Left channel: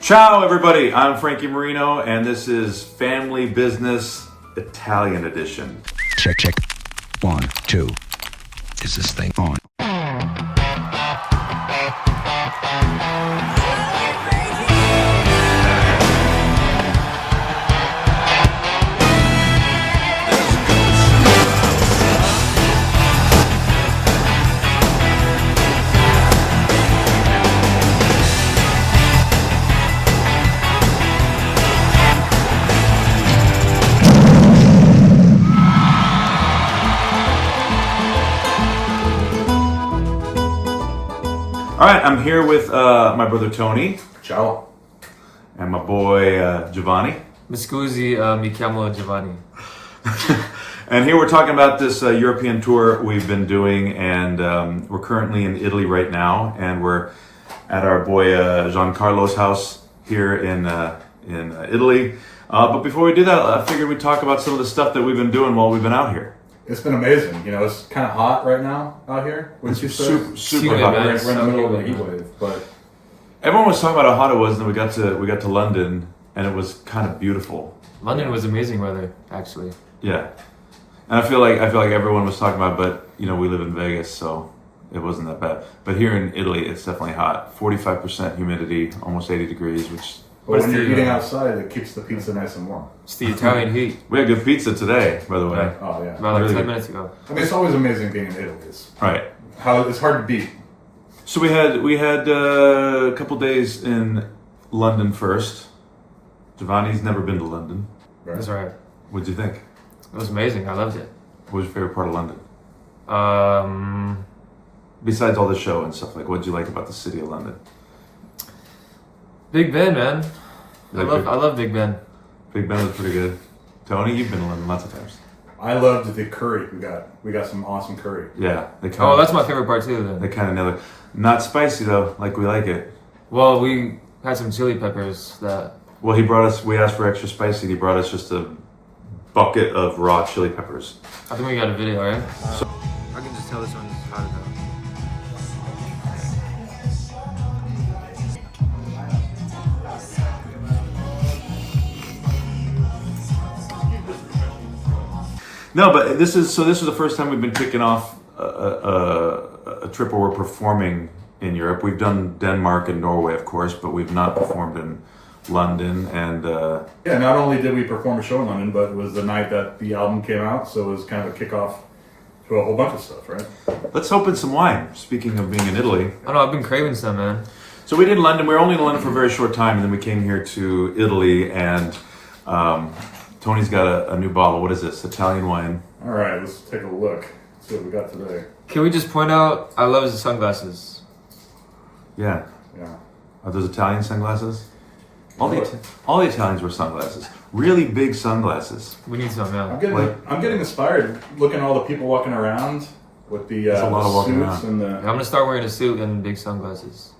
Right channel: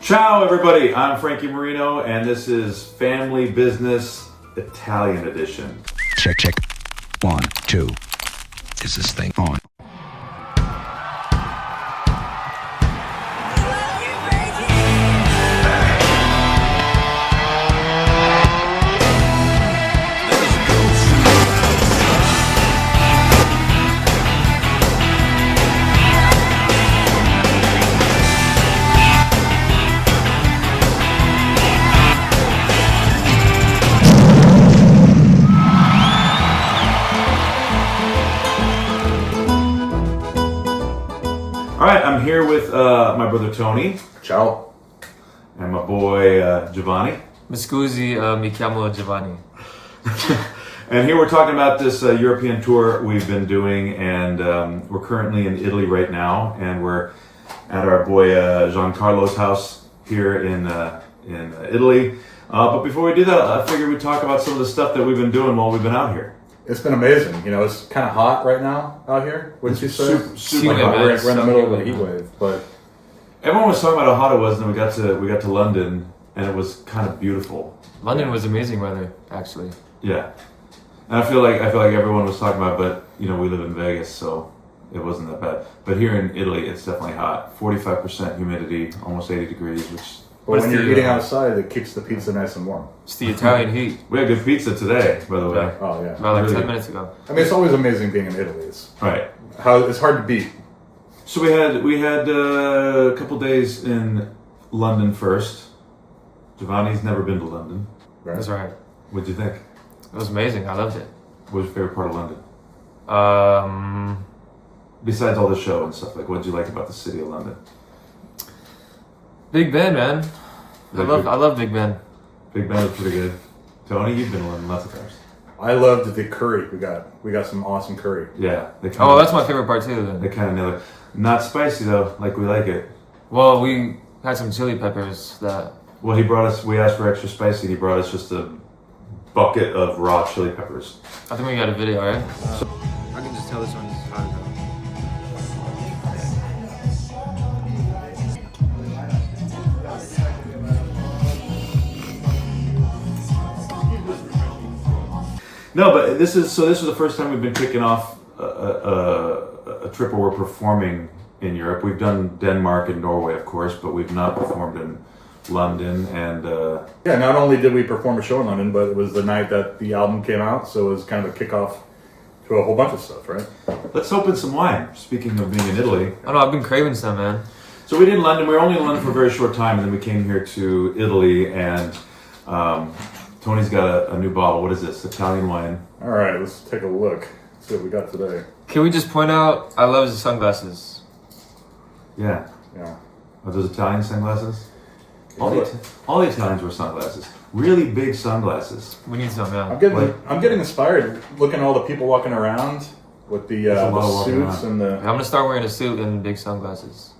Ciao, everybody. I'm Frankie Moreno, and this is Family Business Italian Edition. Check. 1, 2. Is this thing on? All right, I'm here with my brother Tony. Ciao. And my boy Giovanni. Mi scusi, mi chiamo Giovanni. And here we're talking about this European tour we've been doing, and we're currently in Italy right now, and we're at our boy Giancarlo's house here in Italy. But before we do that, I figured we'd talk about some of the stuff that we've been doing while we've been out here. It's been amazing. You know, it's kind of hot right now out here. Wouldn't you say? Super Like, hot. we're in the middle of a Super heat hot. wave, but Everyone was talking about how hot it was, and then we got to London, and it was kind of beautiful. London was amazing weather, actually. Yeah, and I feel like everyone was talking about, but you know, we live in Vegas, so it wasn't that bad. But here in Italy, it's definitely hot. 45% humidity, almost 80 degrees, which when What's you're the, eating uh, outside, it keeps the pizza nice and warm. It's the Italian heat. we had good pizza today, by the way. Yeah. Oh yeah. About like Really? 10 minutes ago. I mean, it's always amazing being in Italy. It's Right. it's hard to beat. So we had a couple days in London first. Giovanni's never been to London. Right? That's right. What'd you think? It was amazing. I loved it. What was your favorite part of London? Besides all the show and stuff, like what did you like about the city of London? Big Ben, man. I love Big Ben. Big Ben was pretty good. Tony, you've been to London lots of times. I loved the curry we got some awesome curry. Yeah. They Oh, that's my favorite part too. They Then. kind of nailed it. Not spicy though, like we like it. Well, we had some chili peppers that. Well, we asked for extra spicy, and he brought us just a bucket of raw chili peppers. I think we got a video, right? I can just tell this one's how to go. No, but this is the first time we've been kicking off a trip where we're performing in Europe. We've done Denmark and Norway, of course, but we've not performed in London. And Yeah. Not only did we perform a show in London, but it was the night that the album came out, so it was kind of a kickoff to a whole bunch of stuff, right? let's open some wine. Speaking of being in Italy, I don't know. I've been craving some, man. so we did London. We were only in London for a very short time, and then we came here to Italy. And Tony's got a new bottle. What is this? Italian wine. All right, let's take a look. See what we got today. Can we just point out? I love his sunglasses. Yeah. Yeah. Are those Italian sunglasses? All the Italians wear sunglasses. Really big sunglasses. We need some, yeah. I'm getting inspired looking at all the people walking around with the There's a lot of walking suits around. and the. I'm gonna start wearing a suit and big sunglasses.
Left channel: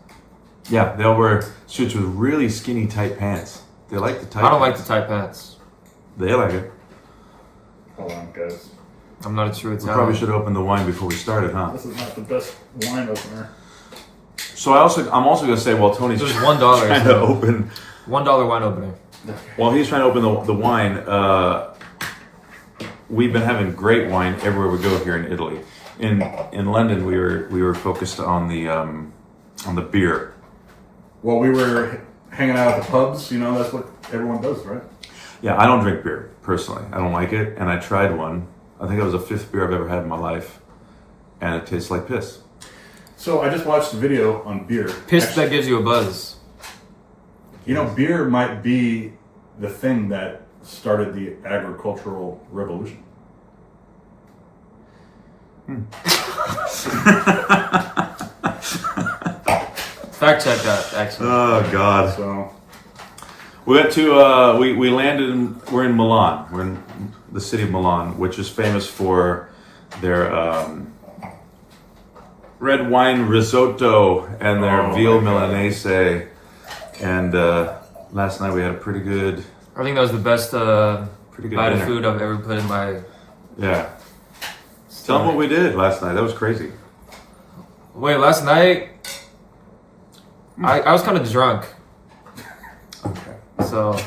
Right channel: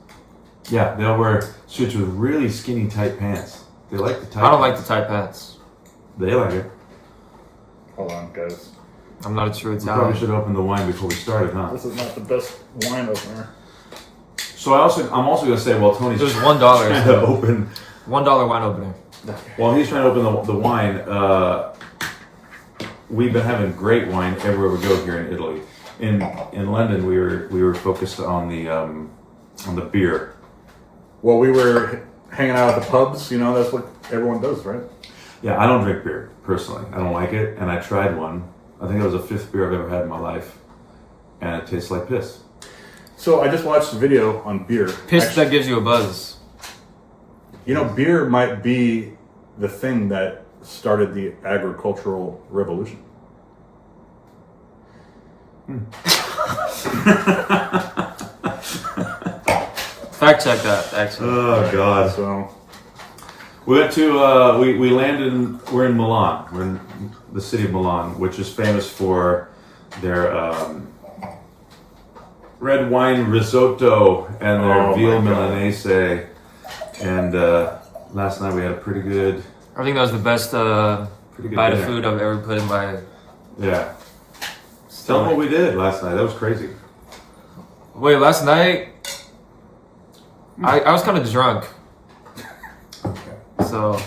Yeah, they'll wear suits with really skinny tight pants. They like the tight I don't like the pants. tight pants. They like it. Hold on, guys. I'm not a true We probably Italian. should have opened the wine before we started, huh? This is not the best wine opener. So I'm also gonna say while Tony's It was $1. trying to So open, $1 wine opener. while he's trying to open the wine, we've been having great wine everywhere we go here in Italy. In London, we were focused on the beer. Well, we were hanging out at the pubs. You know, that's what everyone does, right? Yeah, I don't drink beer personally. I don't like it, and I tried one. I think that was the 5th beer I've ever had in my life, and it tastes like piss. So I just watched a video on beer. Piss Actually, that gives you a buzz. you know, beer might be the thing that started the agricultural revolution. Fact check that, actually. Oh God. So We went to we landed in we're in Milan. We're in the city of Milan, which is famous for their red wine risotto and their Oh, veal my God. milanese. And last night we had a pretty good I think that was the best good bite of dinner. food I've ever put in my yeah. Tell them what we did last night. That was crazy. Wait, last night I was kind of drunk. So, All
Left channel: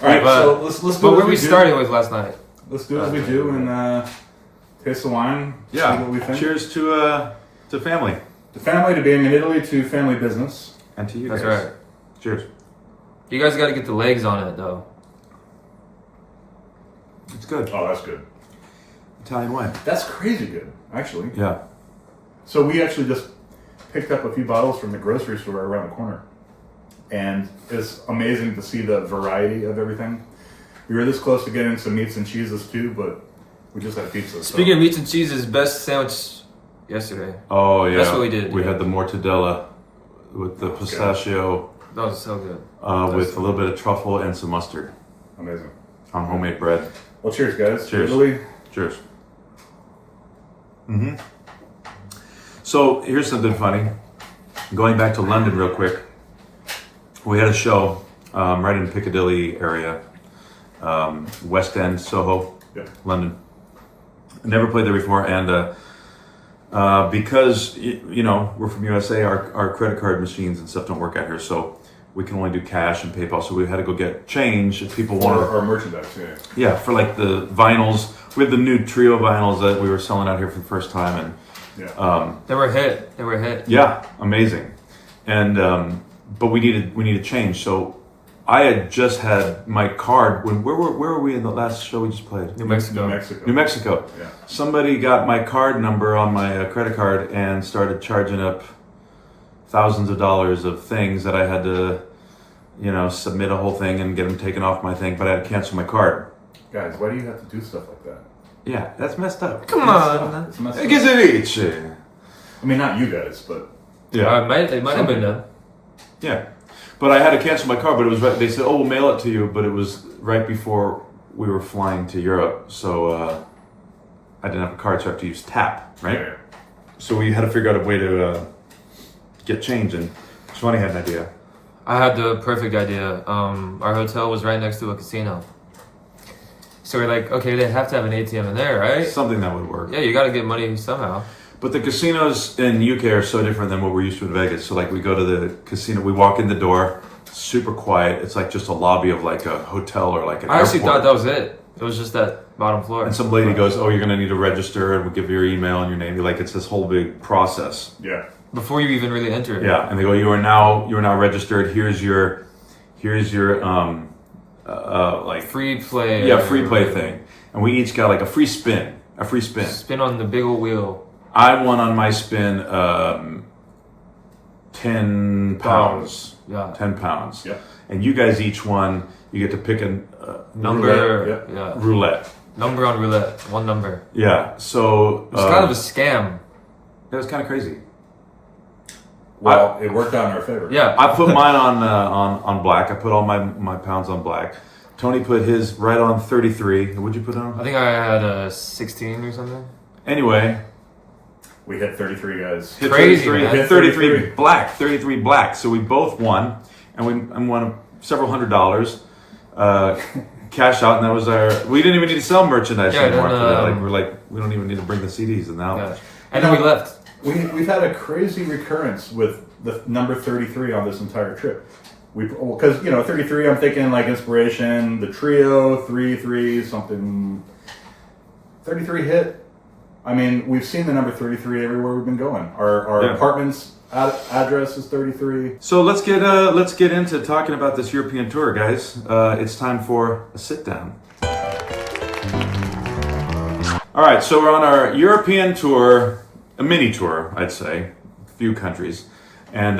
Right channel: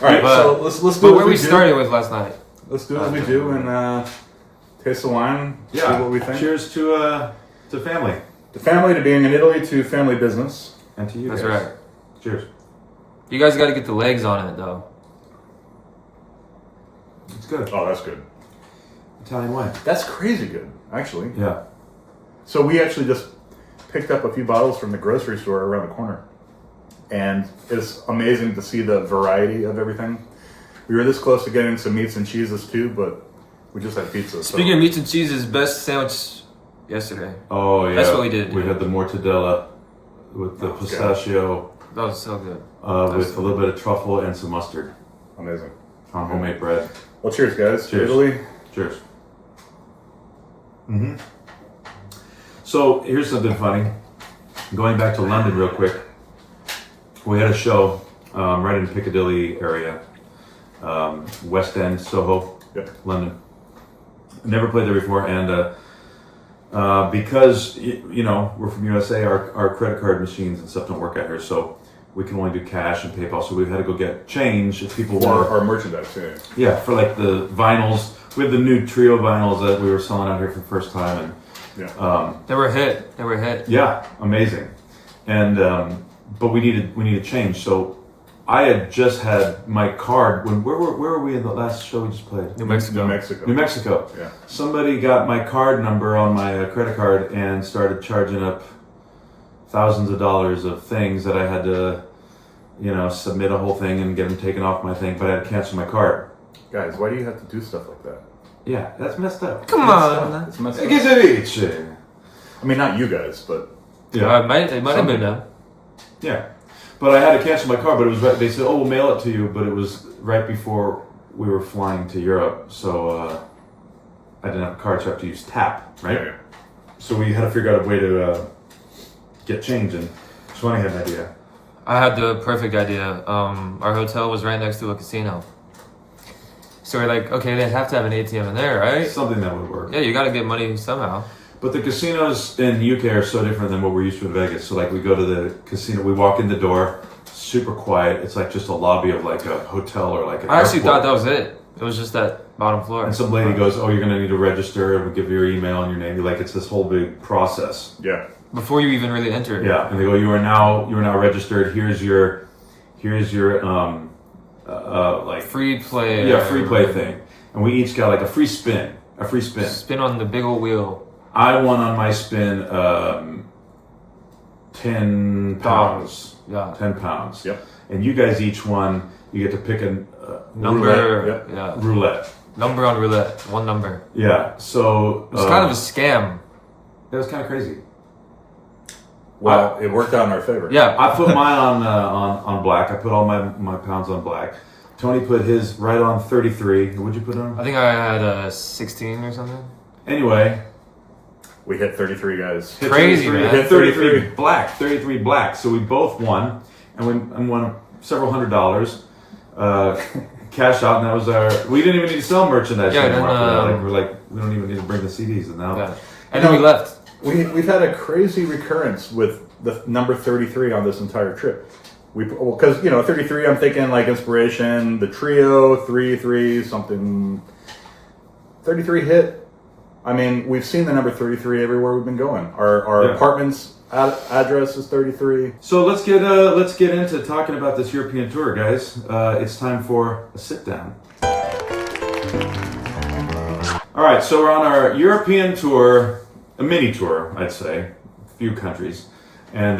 right, but, so let's do but what where we do. started with last night. Let's do what we do and taste the wine. Yeah. See what we think. Cheers to family. To family, to being in Italy, to family business. And to you That's guys. right. Cheers. You guys got to get the legs on it, though. It's good. Oh, that's good. Italian wine. That's crazy good, actually. Yeah. So we actually just picked up a few bottles from the grocery store around the corner. And it's amazing to see the variety of everything. We were this close to getting some meats and cheeses too, but we just had pizza. Speaking of meats and cheeses, best sandwich yesterday. Oh, yeah. That's what we did. We Yeah. had the mortadella with the pistachio, That was so good. with a little bit of truffle and some mustard Amazing. on homemade bread. Well, cheers, guys. Cheers. Italy. Cheers. So here's something funny. Going back to London real quick. We had a show right in Piccadilly area, West End, Soho, Yep. London. Never played there before, and because we're from USA, our credit card machines and stuff don't work out here, so we can only do cash and PayPal. So we had to go get change if people want. Our merchandise, yeah. Yeah, for like the vinyls. We had the new trio vinyls that we were selling out here for the first time, and Yeah. They were a hit. They were a hit. yeah, amazing. And but we needed change. So I had just had my card. Where were we in the last show we just played? New Mexico. New Mexico. Yeah. Somebody got my card number on my credit card and started charging up thousands of dollars of things that I had to, submit a whole thing and get them taken off my thing. But I had to cancel my card. Guys, why do you have to do stuff like that? Yeah, that's messed up. Come on. It's messed up. Che se dice? I mean, not you guys, but Yeah. It might have been them. Yeah, but I had to cancel my card. But it was right. They said, "Oh, we'll mail it to you," but it was right before we were flying to Europe, so I didn't have a card, so I have to use tap, right? Yeah. So we had to figure out a way to get change, and Giovanni had an idea. I had the perfect idea. Our hotel was right next to a casino. So we're like, okay, they have to have an ATM in there, right? Something that would work. Yeah, you got to get money somehow. But the casinos in UK are so different than what we're used to in Vegas. So like we go to the casino, we walk in the door, super quiet. It's like just a lobby of like a hotel or like an I actually airport. thought that was it. It was just that bottom floor. And some lady goes, "Oh, you're gonna need to register," and we'll give you your email and your name. Like it's this whole big process. yeah. Before you even really enter it. Yeah, and they go, "You are now registered. Here's your like Free play. free play thing." And we each got like a free spin. Spin on the big old wheel. I won on my spin 10 pounds. Yeah. 10 pounds. Yep. And you guys each won. You get to pick a Number. Roulette, Yeah. roulette. Number on roulette. One number. Yeah. So It's kind of a scam. that was kind of crazy. Well, it worked out in our favor. Yeah. I put mine on black. I put all my pounds on black. Tony put his right on 33. What'd you put it on? I think I had a 16 or something. Anyway, We hit 33 guys. hit Crazy, 33, man. hit 33 33. black, 33 black. So we both won, and we won several $100. Cash out, and that was our. We didn't even need to sell merchandise. Yeah, anymore then, after that. We're like, we don't even need to bring the CDs, and now. Yeah. And then we left. We've had a crazy recurrence with the number 33 on this entire trip. Because 33, I'm thinking like inspiration, the trio, 3 something. 33 hit. I mean, we've seen the number 33 everywhere we've been going. Our Yeah. apartment's address is 33. So let's get into talking about this European tour, guys. It's time for a sit down. All right, so we're on our European tour, a mini tour, I'd say, a few countries, and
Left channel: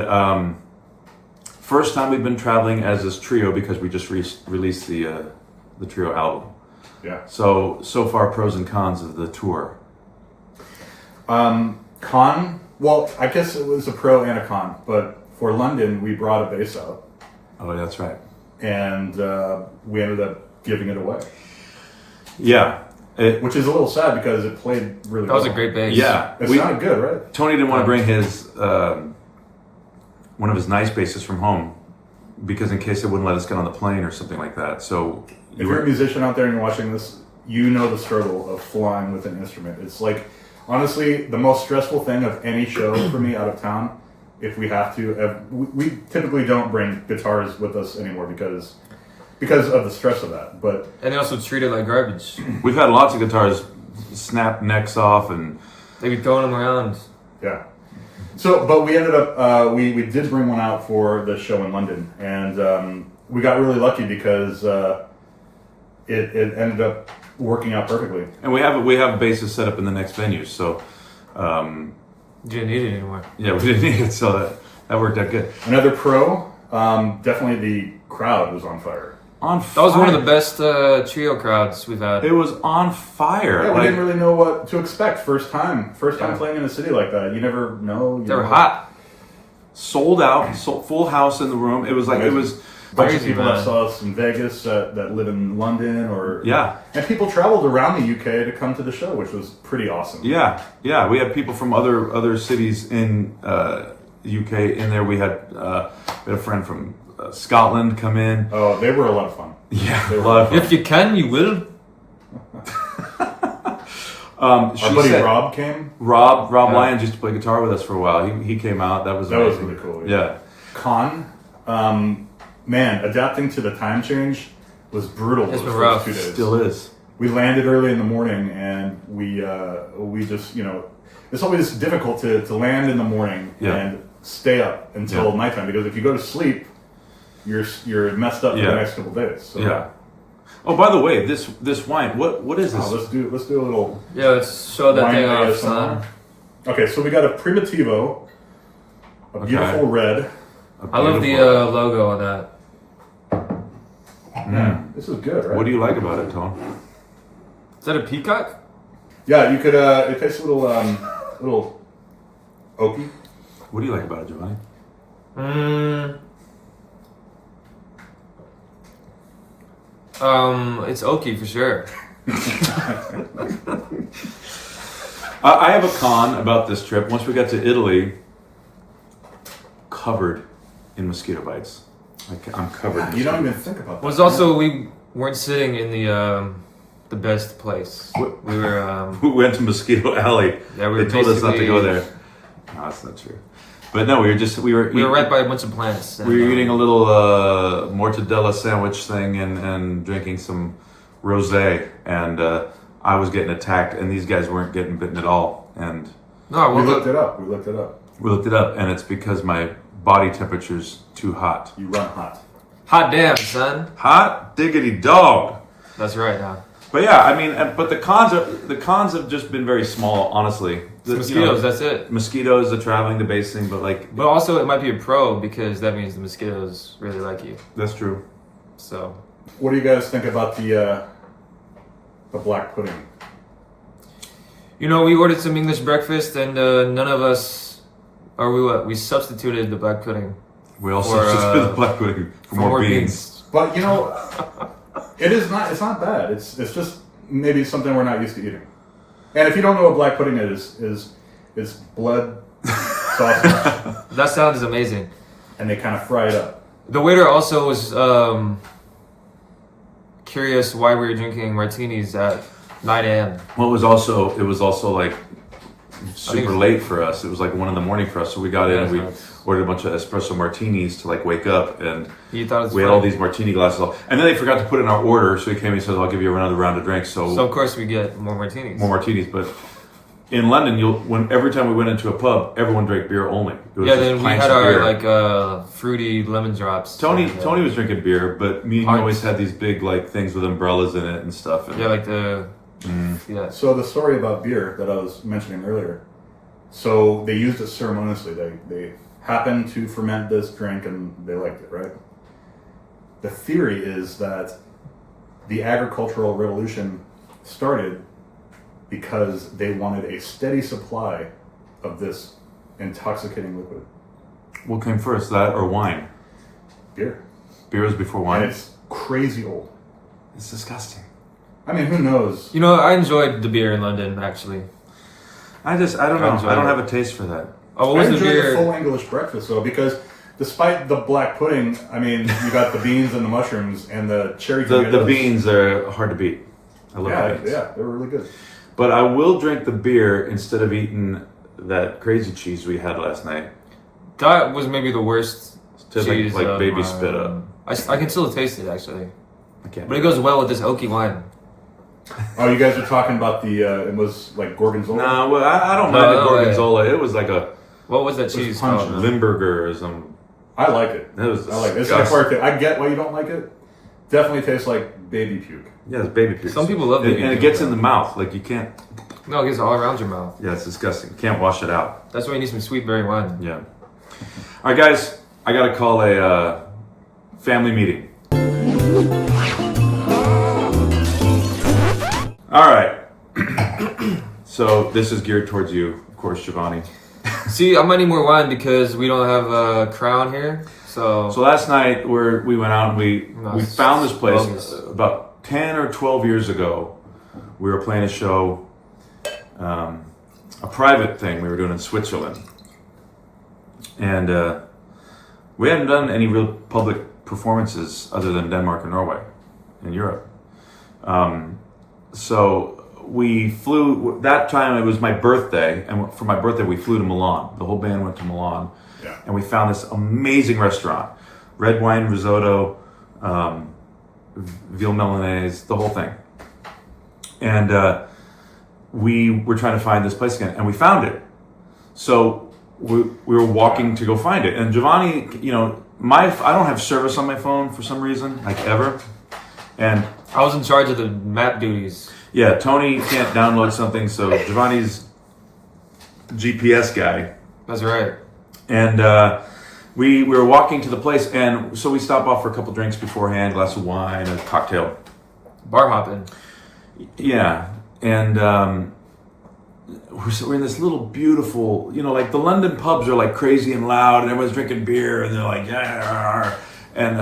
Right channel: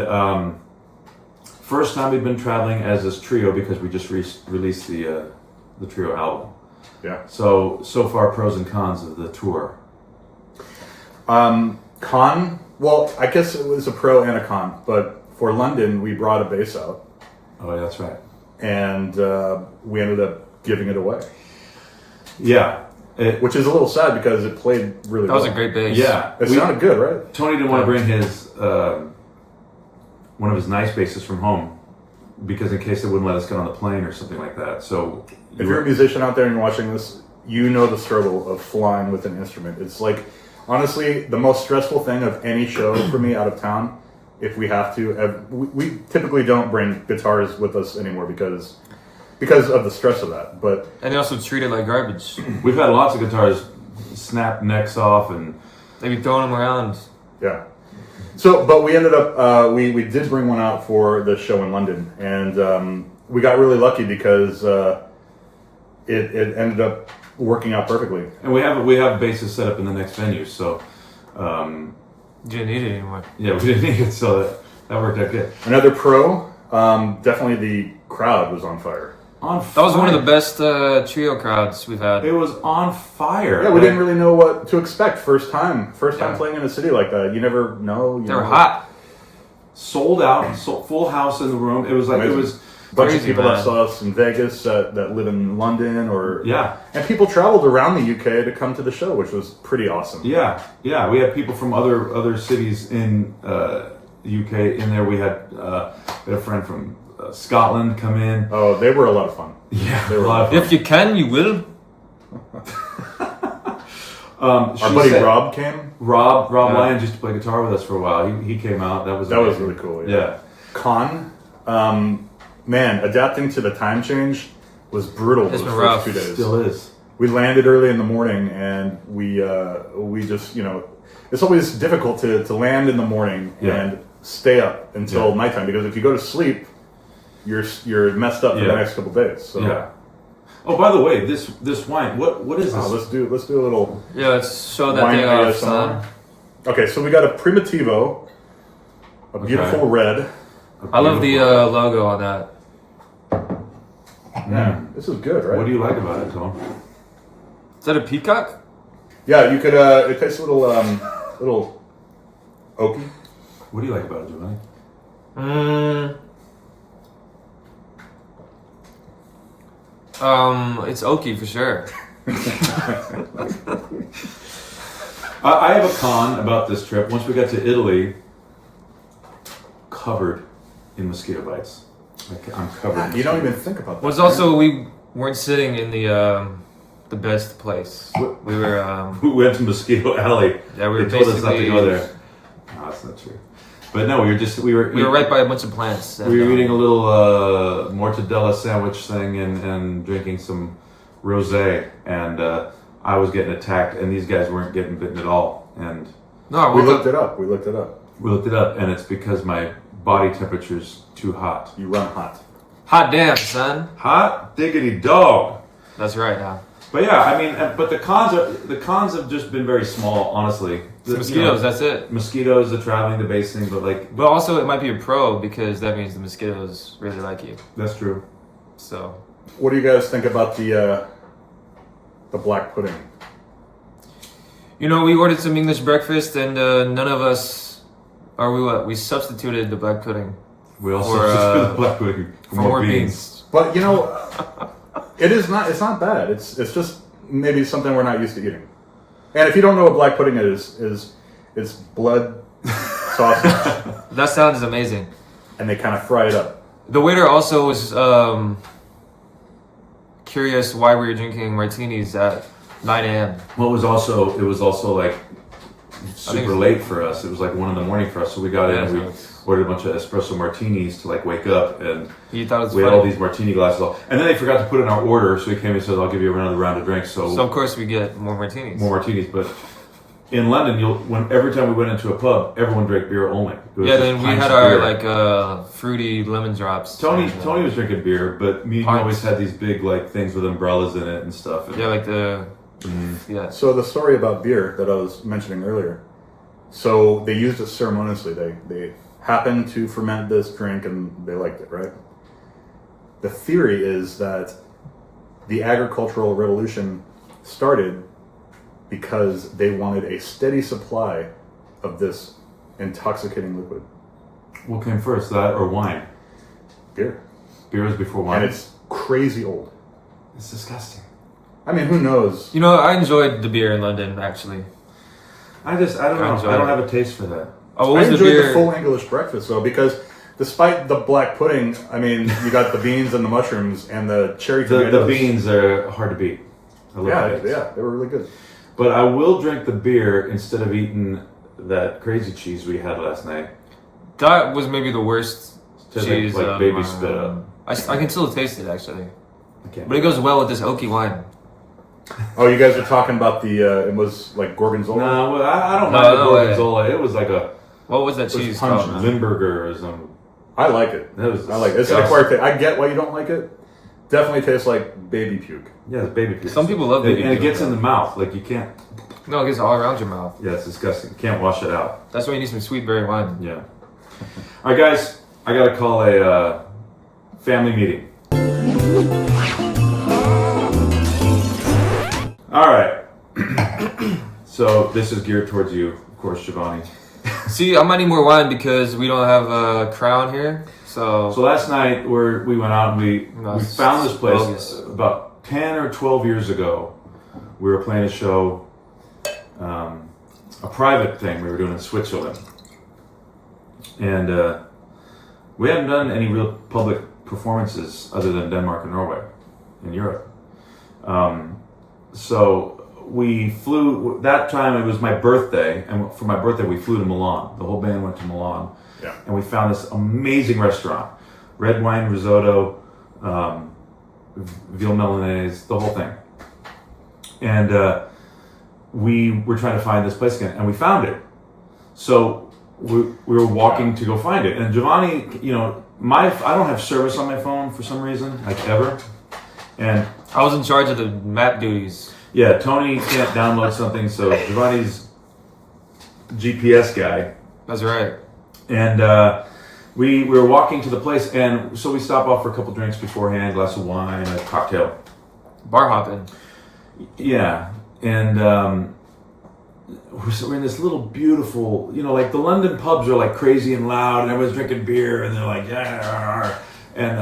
first time we've been traveling as this trio because we just released the trio album. Yeah. So far, pros and cons of the tour. Con. Well, I guess it was a pro and a con, but for London, we brought a bass out, Oh, that's right. and we ended up giving it away, Yeah. which is a little sad because it played really That was a well. great bass. Yeah. It sounded good, right? Tony didn't want to bring his one of his nice basses from home because in case they wouldn't let us get on the plane or something like that. So If you're a musician out there and you're watching this, you know the struggle of flying with an instrument. It's like, honestly, the most stressful thing of any show for me out of town if we have to. We typically don't bring guitars with us anymore because of the stress of that. But And they also treat it like garbage. We've had lots of guitars snap necks off, and They be throwing them around. yeah. So, but we ended up we did bring one out for the show in London, and we got really lucky because it ended up working out perfectly. and we have basses set up in the next venue, so You didn't need it anymore. yeah, we didn't need it, so that worked out good. Another pro, definitely the crowd was on fire. That was one of the best trio crowds we've had. It was on fire. Yeah, we didn't really know what to expect first time Yeah. playing in a city like that. You never know. They were hot. Sold out, full house in the room. It was like it was. A bunch Crazy, of people man. that saw us in Vegas that live in London, or Yeah. and people traveled around the UK to come to the show, which was pretty awesome. Yeah, we had people from other cities in UK in there. We had a friend from Scotland come in. Oh, they were a lot of fun. Yeah, They were a lot of fun. If you can, you will. Our buddy Rob came. Rob Yeah. Lyons used to play guitar with us for a while. He came out. That was amazing. really cool. Yeah. Con, man, adapting to the time change was brutal. It's those been first rough. 2 days. Still is. We landed early in the morning, and we just it's always difficult to land in the morning Yeah. and stay up until Yeah. nighttime, because if you go to sleep, you're messed up for Yeah. the next couple days. So Yeah. Oh, by the way, this wine. What is this? let's do a little Yeah, let's show that wine thing off, ASMR. son. Okay, so we got a Primitivo, a beautiful red. I love the logo on that. Yeah, this is good, right? What do you like about it, Tom? Is that a peacock? Yeah, you could. It tastes a little oaky. What do you like about it, Giovanni? It's oaky for sure. I have a con about this trip. Once we got to Italy, covered in mosquito bites. I'm covered. in You don't mosquito even think about that. Was also we weren't sitting in the best place. We were We went to Mosquito Alley. Yeah, we were They told us not to basically- go there. No, that's not true. But no, we were right by a bunch of plants. And, we were eating a little mortadella sandwich thing and drinking some rosé, and I was getting attacked, and these guys weren't getting bitten at all. And No, I We woke looked up. it up. We looked it up. we looked it up, and it's because my body temperature's too hot. You run hot. Hot damn, son. Hot diggity dog. That's right now. But yeah, I mean, but the cons have just been very small, honestly. It's mosquitoes, that's it. Mosquitoes, the traveling, the basing, but like But also, it might be a pro because that means the mosquitoes really like you. that's true. So, What do you guys think about the black pudding? we ordered some English breakfast, and none of us, or we substituted the black pudding We also For, substituted the black pudding for more beans. But it's not bad. It's just maybe something we're not used to eating. And if you don't know what black pudding is it's blood sausage, That sounds amazing. and they kind of fry it up. The waiter also was curious why we were drinking martinis at 9 a.m. Well, it was also like super it's- late for us. It was like 1 a.m. for us, so we got in Yeah, and so we it's- ordered a bunch of espresso martinis to like wake up, and He thought it was we had all funny. these martini glasses. And then they forgot to put in our order, so he came and said, "I'll give you another round of drinks." So of course we get more martinis. more martinis. But in London, every time we went into a pub, everyone drank beer only. It was Yeah, just then we pints had of our beer. fruity lemon drops. Tony and, Tony was drinking beer, but me and you pints. always had these big like things with umbrellas in it and stuff. And Yeah, like the yeah. So the story about beer that I was mentioning earlier. So they used it ceremoniously. They happened to ferment this drink and they liked it, right? The theory is that the agricultural revolution started because they wanted a steady supply of this intoxicating liquid, what came first, that or wine? beer. Beer was before wine. And it's crazy old. It's disgusting. I mean, who knows? I enjoyed the beer in London actually. I don't know. enjoyed I don't it. have a taste for that. Oh, I what was the enjoyed the beer? full English breakfast though, because despite the black pudding, I mean, you got the beans and the mushrooms and the cherry The tomatoes. beans are hard to beat. I love Yeah, beans. yeah, they were really good. But I will drink the beer instead of eating that crazy cheese we had last night. That was maybe the worst Tastes cheese. like of baby my- spit up. I can still taste it actually, I can't. but it goes well with this oaky wine. Oh, you guys were talking about the, it was like Gorgonzola? No, well, I don't No, mind no the way. gorgonzola. It was like a What was that cheese punch called, man? Limburger or something. I like it. It was I like it. It's an disgusting. acquired taste. I get why you don't like it. Definitely tastes like baby puke. Yeah, it's baby puke. Some people love baby and it puke, gets in though. the mouth. Like you can't. No, it gets all around your mouth. Yeah, it's disgusting. You can't wash it out. That's why you need some sweet berry wine. Yeah. All right, guys. I gotta call a family meeting. All right. So this is geared towards you, of course, Giovanni. See, I might need more wine because we don't have a crown here. So Last night we went out and we Nice. found this place Bogus. about 10 or 12 years ago. We were playing a show, a private thing we were doing in Switzerland. And we hadn't done any real public performances other than Denmark and Norway in Europe. So we flew, that time it was my birthday, and for my birthday we flew to Milan. The whole band went to Milan. Yeah. And we found this amazing restaurant. Red wine risotto, veal Milanese, the whole thing. And we were trying to find this place again, and we found it. So we were walking to go find it. And Giovanni, you know, I don't have service on my phone for some reason, like ever. And I was in charge of the map duties. yeah, Tony can't download something, so Giovanni's GPS guy. That's right. And we were walking to the place, and so we stopped off for a couple drinks beforehand, glass of wine, a cocktail. Bar hopping. Yeah, and we're in this little beautiful, you know, like the London pubs are like crazy and loud, and everyone's drinking beer, and they're like, yeah. And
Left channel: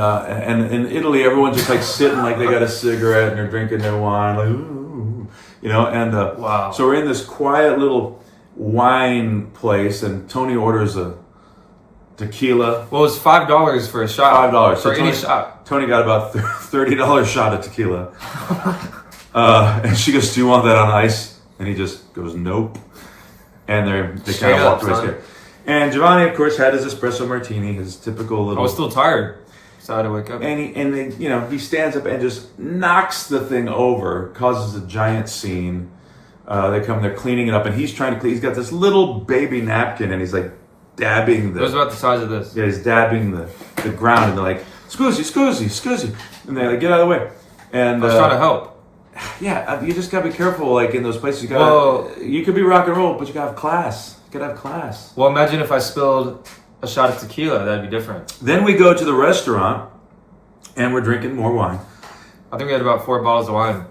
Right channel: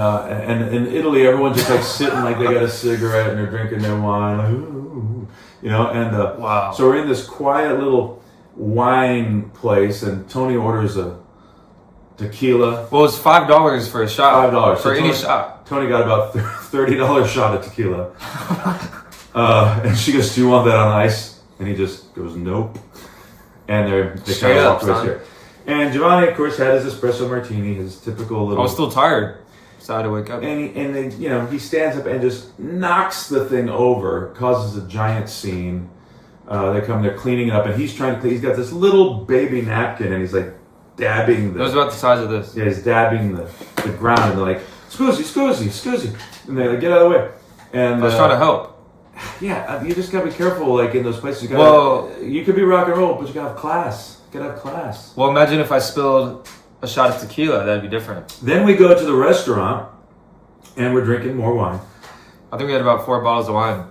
in Italy, everyone's just like sitting like they got a cigarette and they're drinking their wine, like, ooh, you know. And Wow. So we're in this quiet little wine place, and Tony orders a tequila. Well, it's $5 for a shot. $5 for So any Tony- shot. Tony got about $30 shot of tequila, and she goes, "Do you want that on ice?" And he just goes, "Nope." And they Straight kinda up, walked away son. scared. And Giovanni, of course, had his espresso martini, his typical little. I was still tired, so I had to wake up. And then you know he stands up and just knocks the thing over, causes a giant scene. They're cleaning it up, and he's trying to clean. He's got this little baby napkin, and he's like dabbing It was about the size of this. yeah, he's dabbing the ground, and they're like, scusi, and they're like, get out of the way. And I was trying to help. yeah, you just gotta be careful, like in those places. Well- You could be rock and roll, but you gotta have class. You gotta have class. Well, imagine if I spilled a shot of tequila. That'd be different. Then we go to the restaurant, and we're drinking more wine. I think we had about 4 bottles of wine.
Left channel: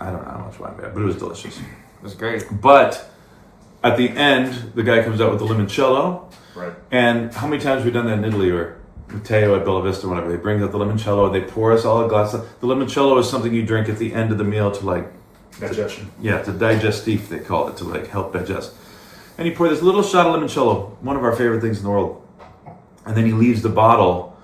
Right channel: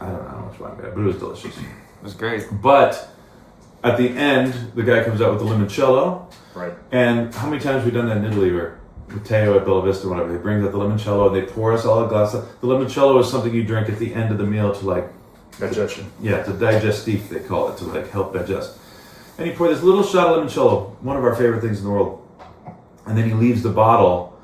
I don't know how much wine we had, but it was delicious. It was great. But at the end, the guy comes out with the limoncello. Right. And how many times have we done that in Italy, or Matteo at Bella Vista, whatever? They bring out the limoncello, and they pour us all a glass. The limoncello is something you drink at the end of the meal to like, Digestion. yeah, to digestif, they call it, to like help digest. And he poured this little shot of limoncello, one of our favorite things in the world. And then he leaves the bottle,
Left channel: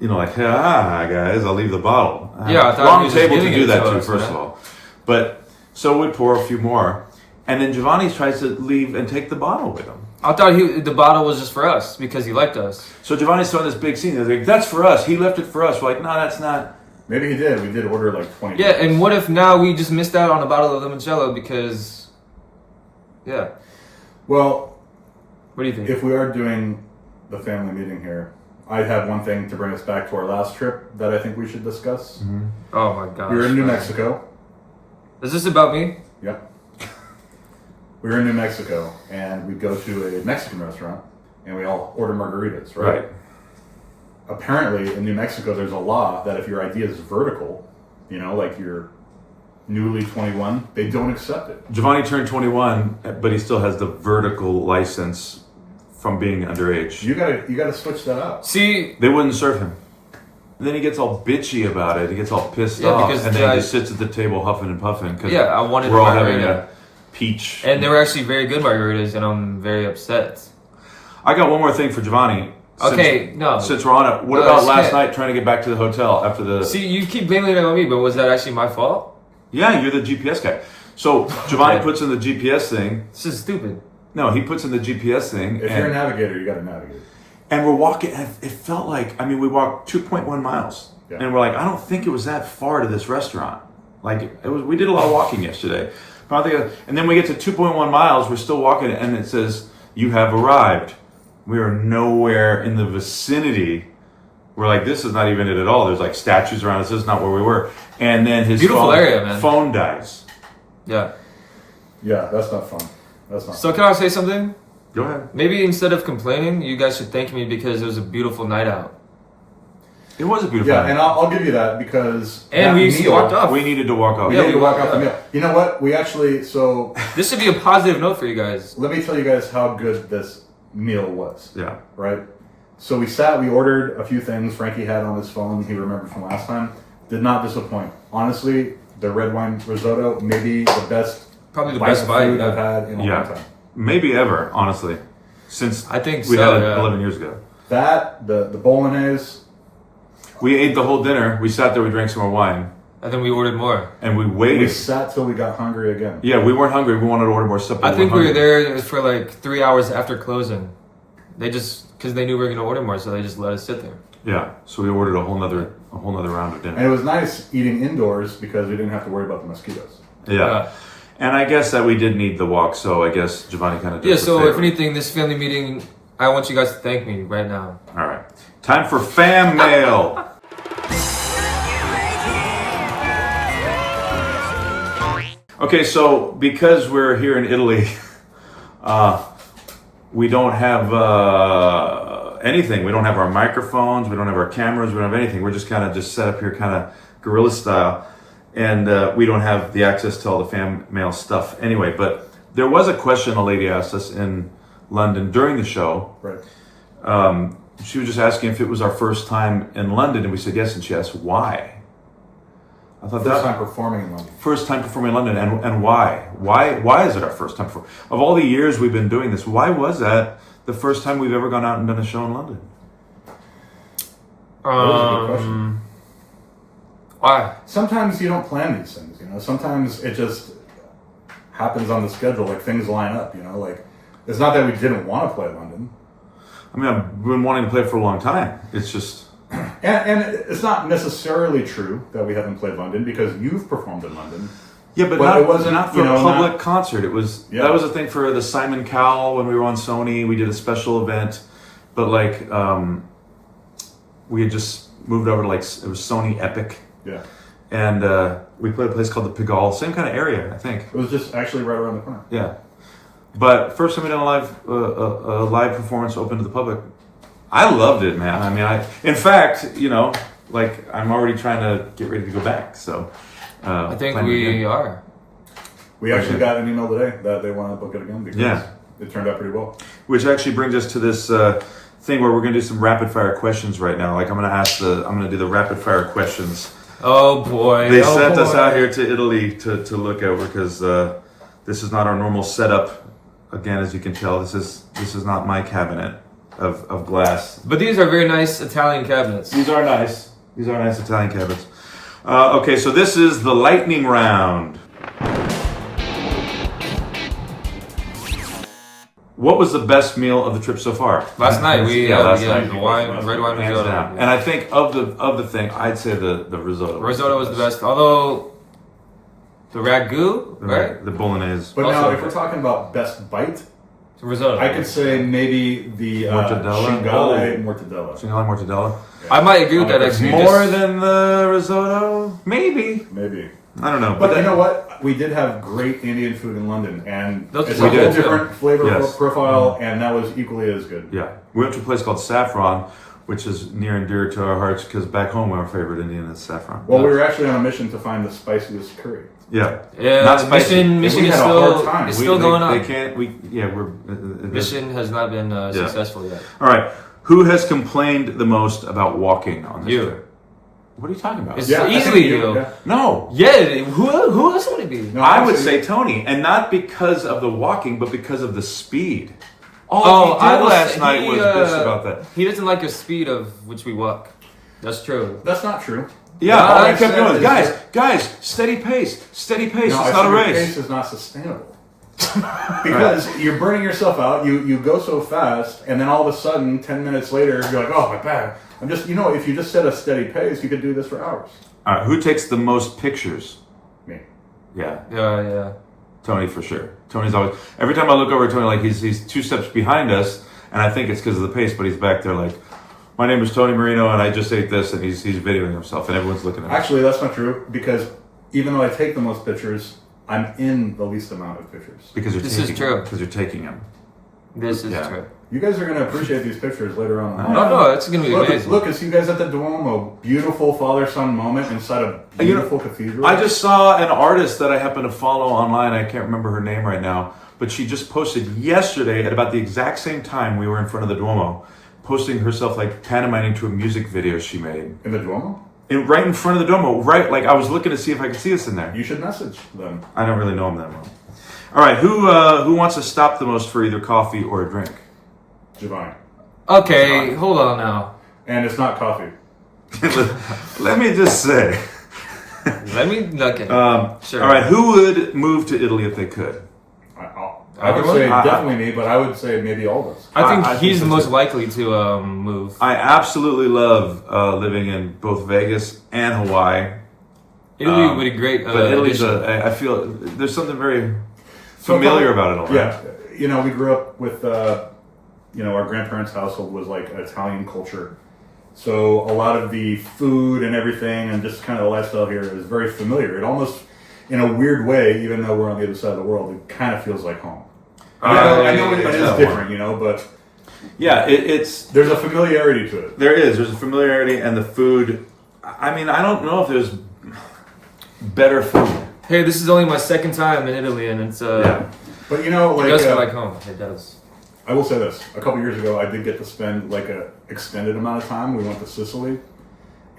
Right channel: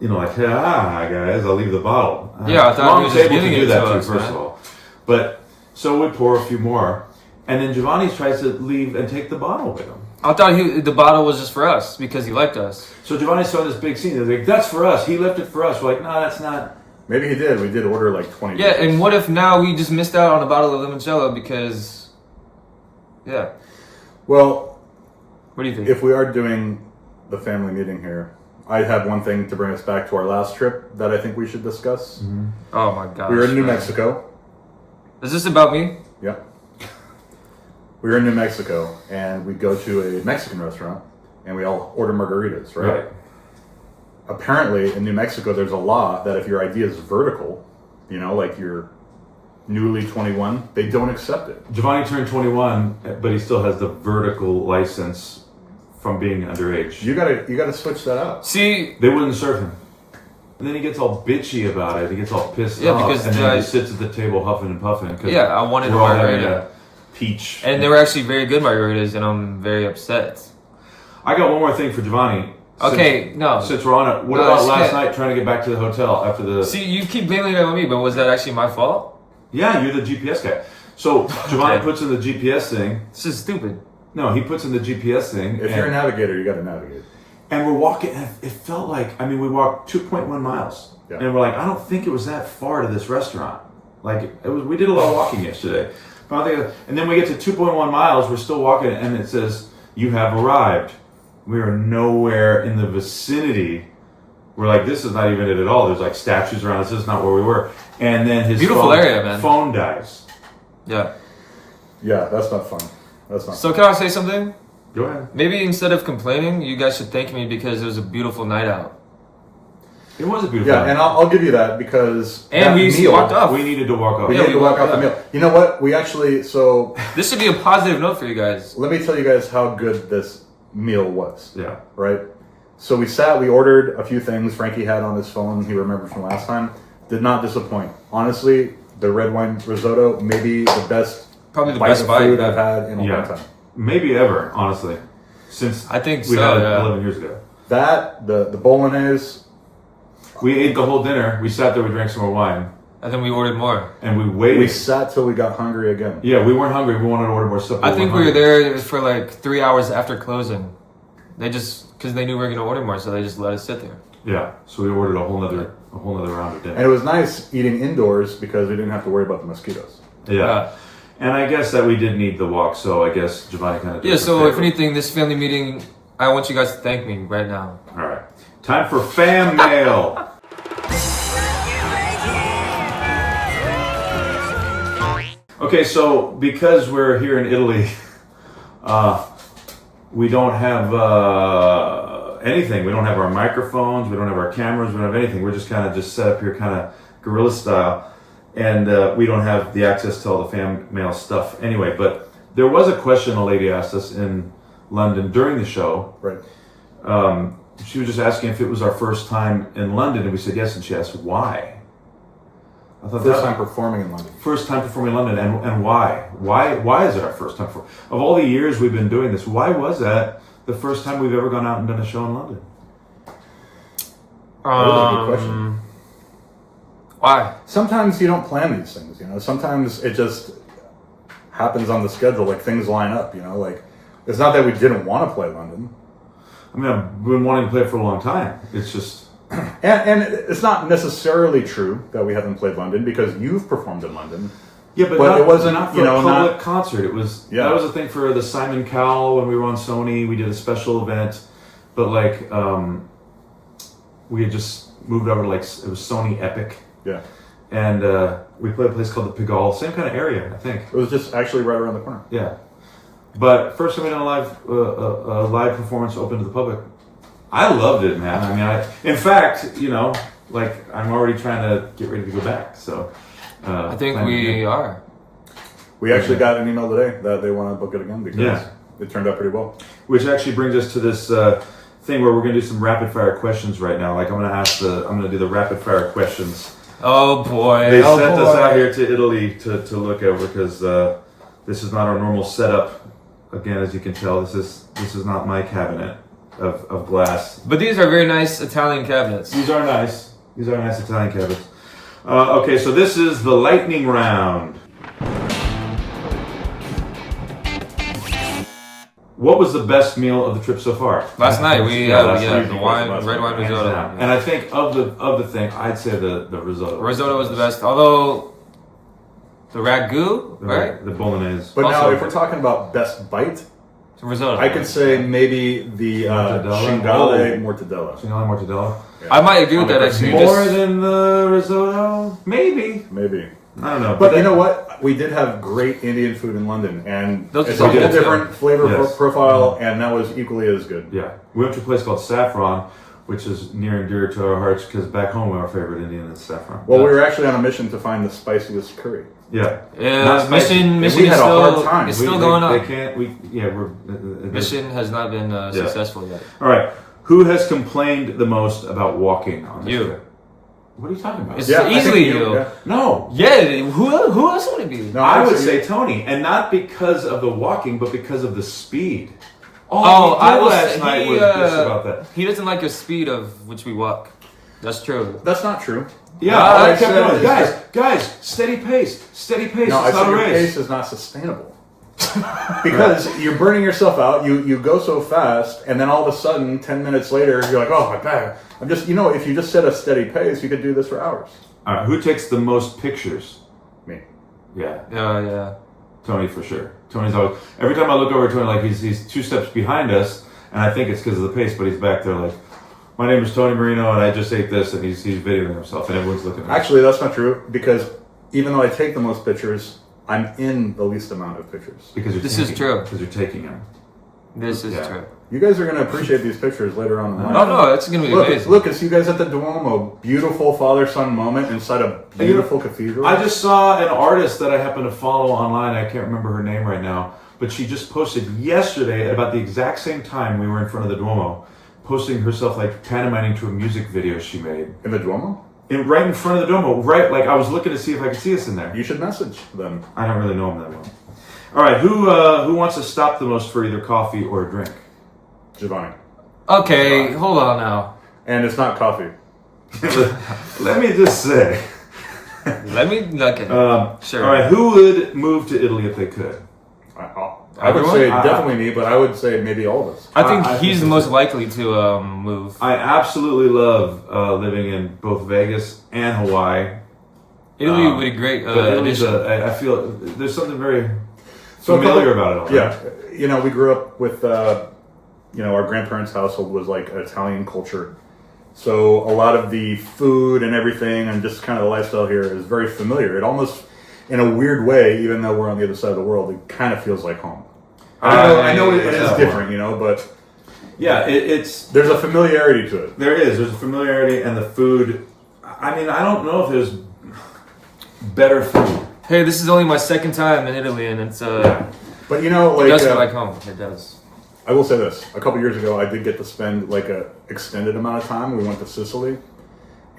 you know, like, guys, I'll leave the bottle. Yeah, I thought he Wrong was just table giving do it that to too, us, first man. of all. But so we pour a few more, and then Giovanni tries to leave and take the bottle with him. I thought the bottle was just for us because he liked us. So Giovanni's throwing this big scene. They're like, that's for us. He left it for us. We're like, no, that's not. Maybe he did. We did order like 20. Yeah, and what if now we just missed out on a bottle of limoncello because, yeah. Well, What do you think? if we are doing the family meeting here, I have one thing to bring us back to our last trip that I think we should discuss. Oh my gosh. We were in New man. Mexico. Is this about me? Yep. We were in New Mexico, and we go to a Mexican restaurant, and we all order margaritas, right? Apparently, in New Mexico, there's a law that if your ID is vertical, you know, like you're newly 21, they don't accept it. Giovanni turned 21, but he still has the vertical license from being underage. You gotta switch that up. See, They wouldn't serve him. And then he gets all bitchy about it. He gets all pissed Yeah, off. because and then the- he sits at the table huffing and puffing. 'Cause Yeah, I wanted we're a all having margarita. a peach. and they were actually very good margaritas, and I'm very upset. I got one more thing for Giovanni. Okay, no. Since we're on it, what No, about that's last it. night trying to get back to the hotel after the... See, you keep blaming it on me, but was that actually my fault? Yeah, you're the GPS guy. So Giovanni Okay. puts in the GPS thing. This is stupid. No, he puts in the GPS thing. If you're a navigator, you got to navigate. And we're walking, and it felt like, I mean, we walked 2.1 miles. Yeah. And we're like, I don't think it was that far to this restaurant. Like, it was. We did a lot of walking yesterday. But I think, and then we get to 2.1 miles, we're still walking, and it says, you have arrived. We are nowhere in the vicinity. We're like, this is not even it at all. There's like statues around us. This is not where we were. And then his Beautiful area, man. phone dies. Yeah. Yeah, that's not fun. That's not So can I say something? Go ahead. Maybe instead of complaining, you guys should thank me because it was a beautiful night out. It was a beautiful Yeah, night. and I'll give you that because And that we meal- walked off. We needed to walk off. We Yeah, needed we to walk walked off the off. meal. You know what? We actually This should be a positive note for you guys. let me tell you guys how good this meal was. Yeah. Right? So we ordered a few things Frankie had on his phone, he remembered from last time. Did not disappoint. Honestly, the red wine risotto, maybe the best Probably the bite best of bite food yeah. I've had in a long Yeah. time. Maybe ever, honestly. Since I think we so, had it yeah. 11 years ago. That, the bolognese, We ate the whole dinner. We sat there, we drank some more wine, And then we ordered more. and we waited. we sat till we got hungry again. Yeah, we weren't hungry. We wanted to order more stuff. I think we were there for like 3 hours after closing. They just, because they knew we were going to order more, so they just let us sit there. Yeah, so we ordered a whole nother round of And dinner. it was nice eating indoors because we didn't have to worry about the mosquitoes. Yeah. And I guess that we did need the walk, so I guess Giovanni kind of. Yeah, so if anything, this family meeting, I want you guys to thank me right now. All right. Time for fan mail. Okay, so because we're here in Italy, we don't have anything. We don't have our microphones. We don't have our cameras. We don't have anything. We're just kind of just set up here, kind of guerrilla style, and we don't have the access to all the fan mail stuff anyway. But there was a question a lady asked us in London during the show. Right. She was just asking if it was our first time in London, and we said yes. And she asked why. I thought First that- time performing in London. First time performing in London, and why? Why is it our first time? Of all the years we've been doing this, why was that the first time we've ever gone out and done a show in London? Really good question. Why? Sometimes you don't plan these things, you know. Sometimes it just happens on the schedule, like things line up, you know. Like it's not that we didn't want to play London, I mean, I've been wanting to play it for a long time. It's just and it's not necessarily true that we haven't played London because you've performed in London. yeah, but Well, not, it wasn't, not for you know, a public not- concert. It was Yeah. that was a thing for the Simon Cowell when we were on Sony. We did a special event, but like we had just moved over to like it was Sony Epic. Yeah, And we played a place called the Pigalle, same kind of area, I think. it was just actually right around the corner. Yeah, but first time we done a live performance open to the public. I loved it, man. I mean, in fact, you know, like I'm already trying to get ready to go back. So I think plan we again. are. We actually got an email today that they want to book it again because Yeah. it turned out pretty well. Which actually brings us to this thing where we're gonna do some rapid fire questions right now. Like I'm gonna do the rapid fire questions. Oh boy. They oh sent boy. us out here to Italy to look over because this is not our normal setup. Again, as you can tell, this is not my cabinet of glass. But these are very nice Italian cabinets. These are nice. These are nice Italian cabinets. Okay, so this is the lightning round. What was the best meal of the trip so far? Last night we last had night the you wine, guys red wine hands risotto. down. And I think of the thing, I'd say the risotto. Risotto was the best, although the ragu, right? The bolognese. But now, Also- if we're talking about best bite, The risotto. I could say maybe the Mortadella? Cingale mortadella. Cingale mortadella. I might agree with that It's actually. More Just- than the risotto? Maybe. Maybe. I don't know. But you know what? We did have great Indian food in London, and Those it's are a whole good, too. different flavor Yes. profile, and that was equally as good. Yeah. We went to a place called Saffron, which is near and dear to our hearts because back home our favorite Indian is saffron. Well, we were actually on a mission to find the spiciest curry. Yeah. Yeah, Not spicy. mission We is had a still hard time. it's We- still they- going They on. can't. We're. Mission has not been successful yet. All right. Who has complained the most about walking on this You. trip? What are you talking about? It's I think easily you. yeah. No. Yeah, who else would it be? No, I would actually, say Tony, and not because of the walking, but because of the speed. Oh, he did I will last say night he was this about that. he doesn't like the speed of which we walk. That's true. that's not true. Yeah, No, I I kept said going. is guys, that- guys, steady pace, steady pace. No, I it's not said a your race. pace is not sustainable. Because you're burning yourself out. You go so fast, and then all of a sudden, 10 minutes later, you're like, oh my god, I'm just, if you just set a steady pace, you could do this for hours. All right, who takes the most pictures? Me. Yeah, Yeah. Tony for sure. Tony's always, every time I look over at Tony, like he's 2 steps behind us, and I think it's because of the pace, but he's back there like, my name is Tony Moreno, and I just ate this, and he's videoing himself, and everyone's looking at him. Actually, that's not true, because even though I take the most pictures, I'm in the least amount of pictures. Because This is true. Because you're taking them. This is true. You guys are going to appreciate these pictures later on in the night. Oh no, it's gonna be amazing. Look, it's you guys at the Duomo. Beautiful father-son moment inside a beautiful cathedral. I just saw an artist that I happen to follow online. I can't remember her name right now, but she just posted yesterday at about the exact same time we were in front of the Duomo, posting herself like pantomiming to a music video she made. In the Duomo? Right in front of the Duomo, right? Like I was looking to see if I could see us in there. You should message them. I don't really know them that well. All right, who wants to stop the most for either coffee or a drink? Giovanni. Okay, hold on now. And it's not coffee. Let me just say. Let me look at it. Sure. All right, who would move to Italy if they could? I would Everyone? say definitely me, but I would say maybe all of us. I think I he's think the most likely to move. I absolutely love living in both Vegas and Hawaii. Italy would be a great But Italy's addition. I feel there's something very So familiar about it. Yeah. We grew up with, our grandparents' household was like Italian culture. So a lot of the food and everything and just kind of the lifestyle here is very familiar. It almost, in a weird way, even though we're on the other side of the world, it kind of feels like home. I know it is different, but Yeah, it's there's a familiarity to it. there's a familiarity, and the food. I mean, I don't know if there's better food. Hey, this is only my second time in Italy, and it's But it does feel like home. It does. I will say this: a couple years ago, I did get to spend like a extended amount of time. We went to Sicily,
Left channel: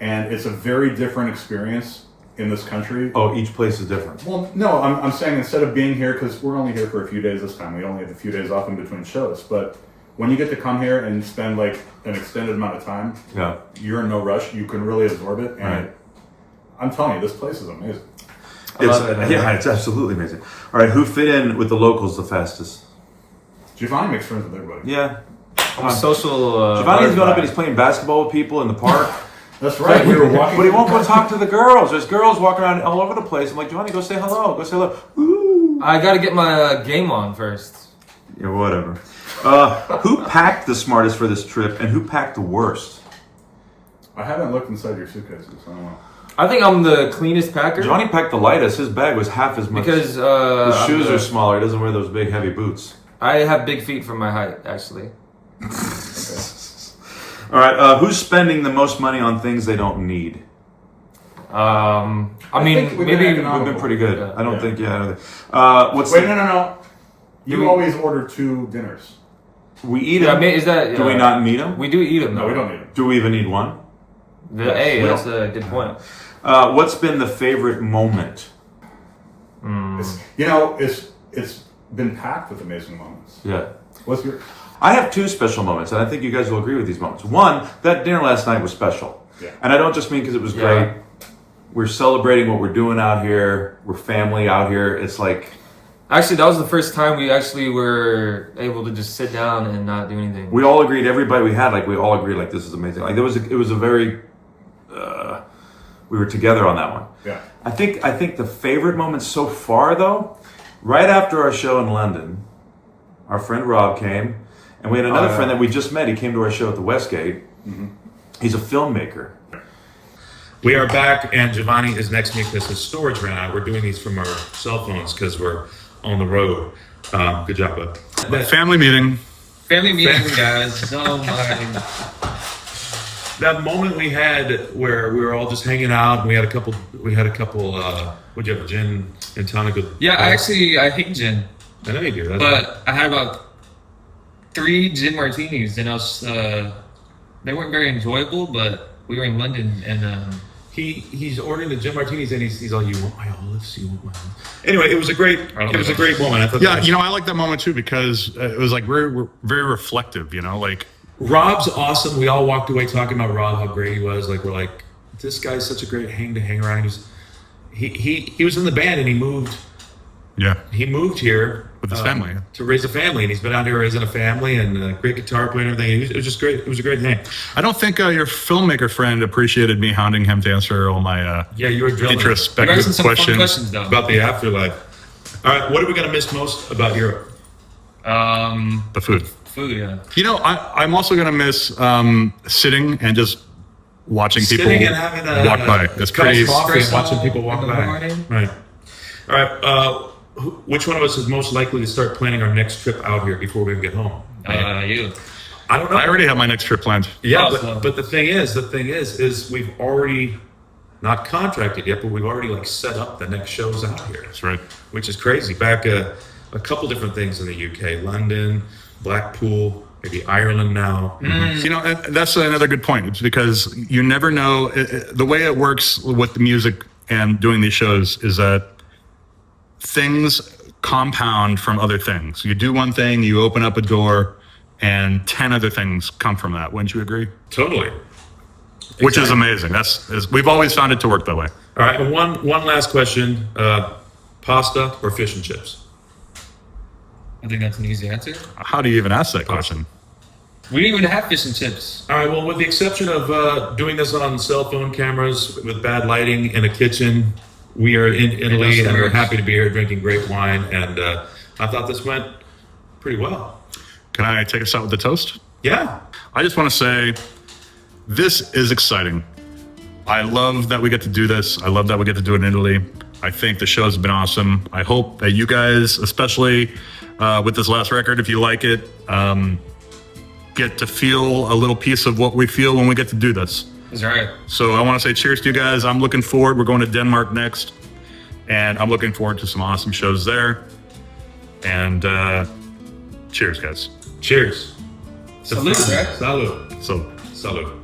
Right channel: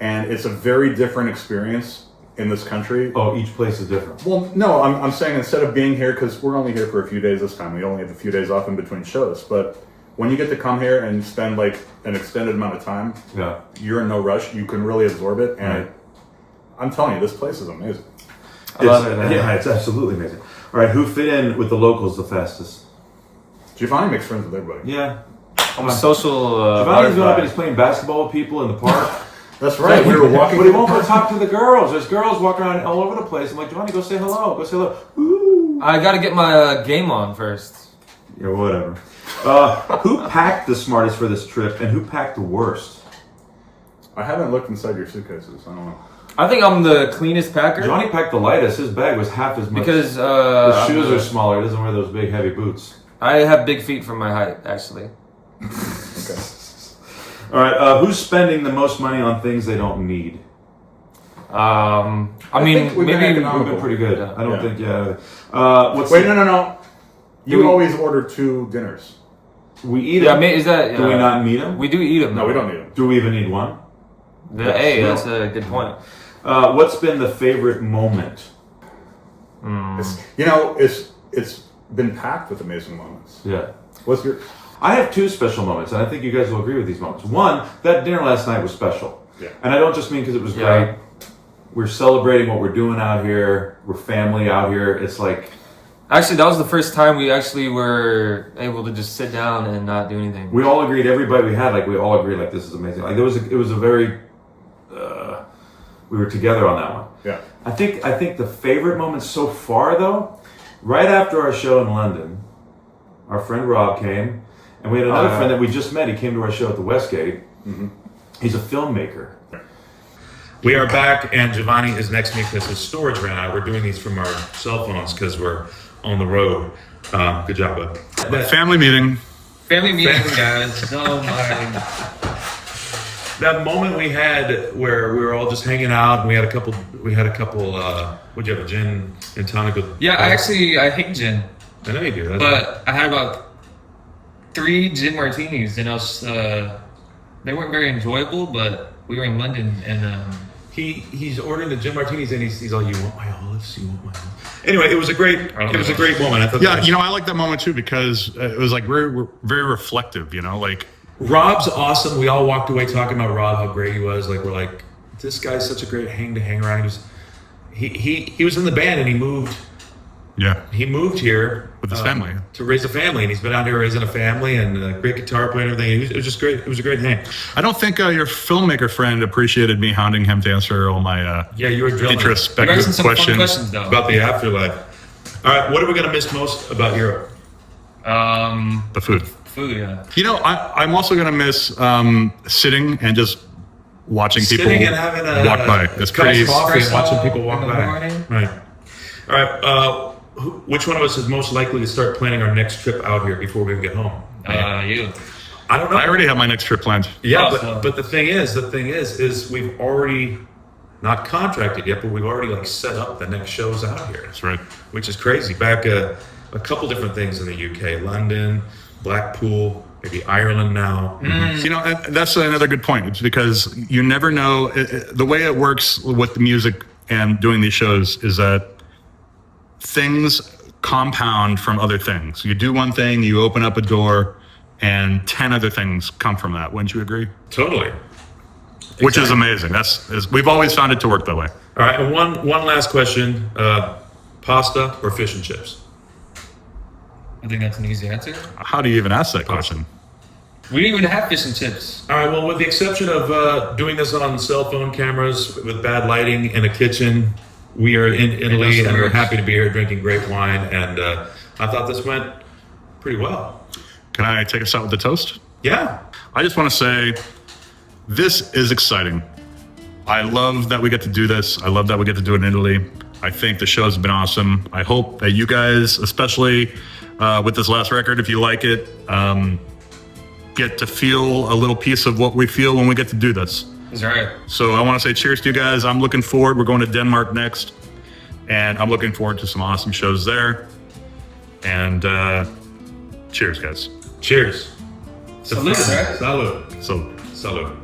and it's a very different experience in this country. Oh, each place is different. Well, no, I'm saying instead of being here, because we're only here for a few days this time. We only have a few days off in between shows. But when you get to come here and spend like an extended amount of time, Yeah. you're in no rush. You can really absorb it, and Right. I'm telling you, this place is amazing. I love it. Yeah, it's absolutely amazing. All right, who fit in with the locals the fastest? Giovanni makes friends with everybody. Yeah. I'm a social Giovanni's going up and butterfly. he's playing basketball with people in the park. That's right. We were walking. But he won't go talk to the girls. There's girls walking around all over the place. I'm like, Giovanni, go say hello. Go say hello. Ooh. I got to get my game on first. Yeah, whatever. Who packed the smartest for this trip, and who packed the worst? I haven't looked inside your suitcases. I don't know. I think I'm the cleanest packer Giovanni packed the lightest. His bag was half as much. because His I'm shoes the- are smaller. He doesn't wear those big, heavy boots. I have big feet for my height, actually. All right, who's spending the most money on things they don't need? I think mean, we've maybe been We've been pretty good. Yeah. I don't Yeah. think, what's Wait, the- no. Do You we- always order 2 dinners. we eat Yeah, them? is that? Do we not need them? We do eat them. No, we don't need them. Do we even need one? Hey, that's a good point. What's been the favorite moment? It's been packed with amazing moments. Yeah. What's your? I have 2 special moments, and I think you guys will agree with these moments. One, that dinner last night was special. Yeah. And I don't just mean because it was Yeah. great. We're celebrating what we're doing out here. We're family out here. It's like, Actually, that was the first time we actually were able to just sit down and not do anything. we all agreed, everybody we had, like, we all agreed, like, this is amazing. Like, it was a very, we were together on that one. Yeah. I think the favorite moment so far, though, right after our show in London, our friend Rob came, and we had another friend that we just met. He came to our show at the Westgate. He's a filmmaker. We are back, and Giovanni is next to me because his storage ran out. We're doing these from our cell phones because we're on the road. Good job, bud. Family meeting. Family meeting, guys. Oh my. That moment we had where we were all just hanging out, and we had a couple. What'd you have? A gin and tonic? Yeah, I hate gin, I know you do. That's but I had about 3 gin martinis, and they weren't very enjoyable. But we were in London, and he's ordering the gin martinis, and he's all, "You want my olives? You want my olives?" Anyway, it was a great moment. I thought. Yeah, that was- I like that moment too because it was like very, very reflective. Like Rob's awesome. We all walked away talking about Rob, how great he was. Like, we're like, this guy's such a great hang around. He was in the band, and he moved Yeah. He moved here With his family. to raise a family, and he's been out here raising a family and great guitar player and everything. It was just great. It was a great hang. I don't think your filmmaker friend appreciated me hounding him to answer all my Yeah, you were drilling. You're introspective asking some fun questions. questions though. About the afterlife. All right, what are we going to miss most about Europe? The food. Food, yeah. You know, I'm also going to miss sitting and just watching people Sitting and having a walk by. It's cup of pretty. coffee and espresso watching people walk in the by. morning. Right. All right. Which one of us is most likely to start planning our next trip out here before we get home? You. I don't know. I already have my next trip planned. Yeah, Awesome. but the thing is we've already not contracted yet, but we've already like set up the next shows out here, That's right. which is crazy. Back a couple different things in the UK, London, Blackpool, maybe Ireland now. You know, that's another good point. It's because you never know. The way it works with the music and doing these shows is that things compound from other things. You do one thing, you open up a door, and 10 other things come from that. Wouldn't you agree? Totally. Which is Exactly. amazing. We've always found it to work that way. All right, and one last question: pasta or fish and chips? I think that's an easy answer. How do you even ask that question? We didn't even have fish and chips. All right. Well, with the exception of doing this on cell phone cameras with bad lighting in a kitchen, we are in Italy and we're happy to be here drinking great wine. And I thought this went pretty well. Can I take us out with the toast? Yeah. I just want to say this is exciting. I love that we get to do this. I love that we get to do it in Italy. I think the show has been awesome. I hope that you guys, especially with this last record, if you like it, get to feel a little piece of what we feel when we get to do this. That's right. So I want to say cheers to you guys. I'm looking forward. We're going to Denmark next, and I'm looking forward to some awesome shows there. And cheers, guys. Cheers. Salute, right? Salud. So. Salud.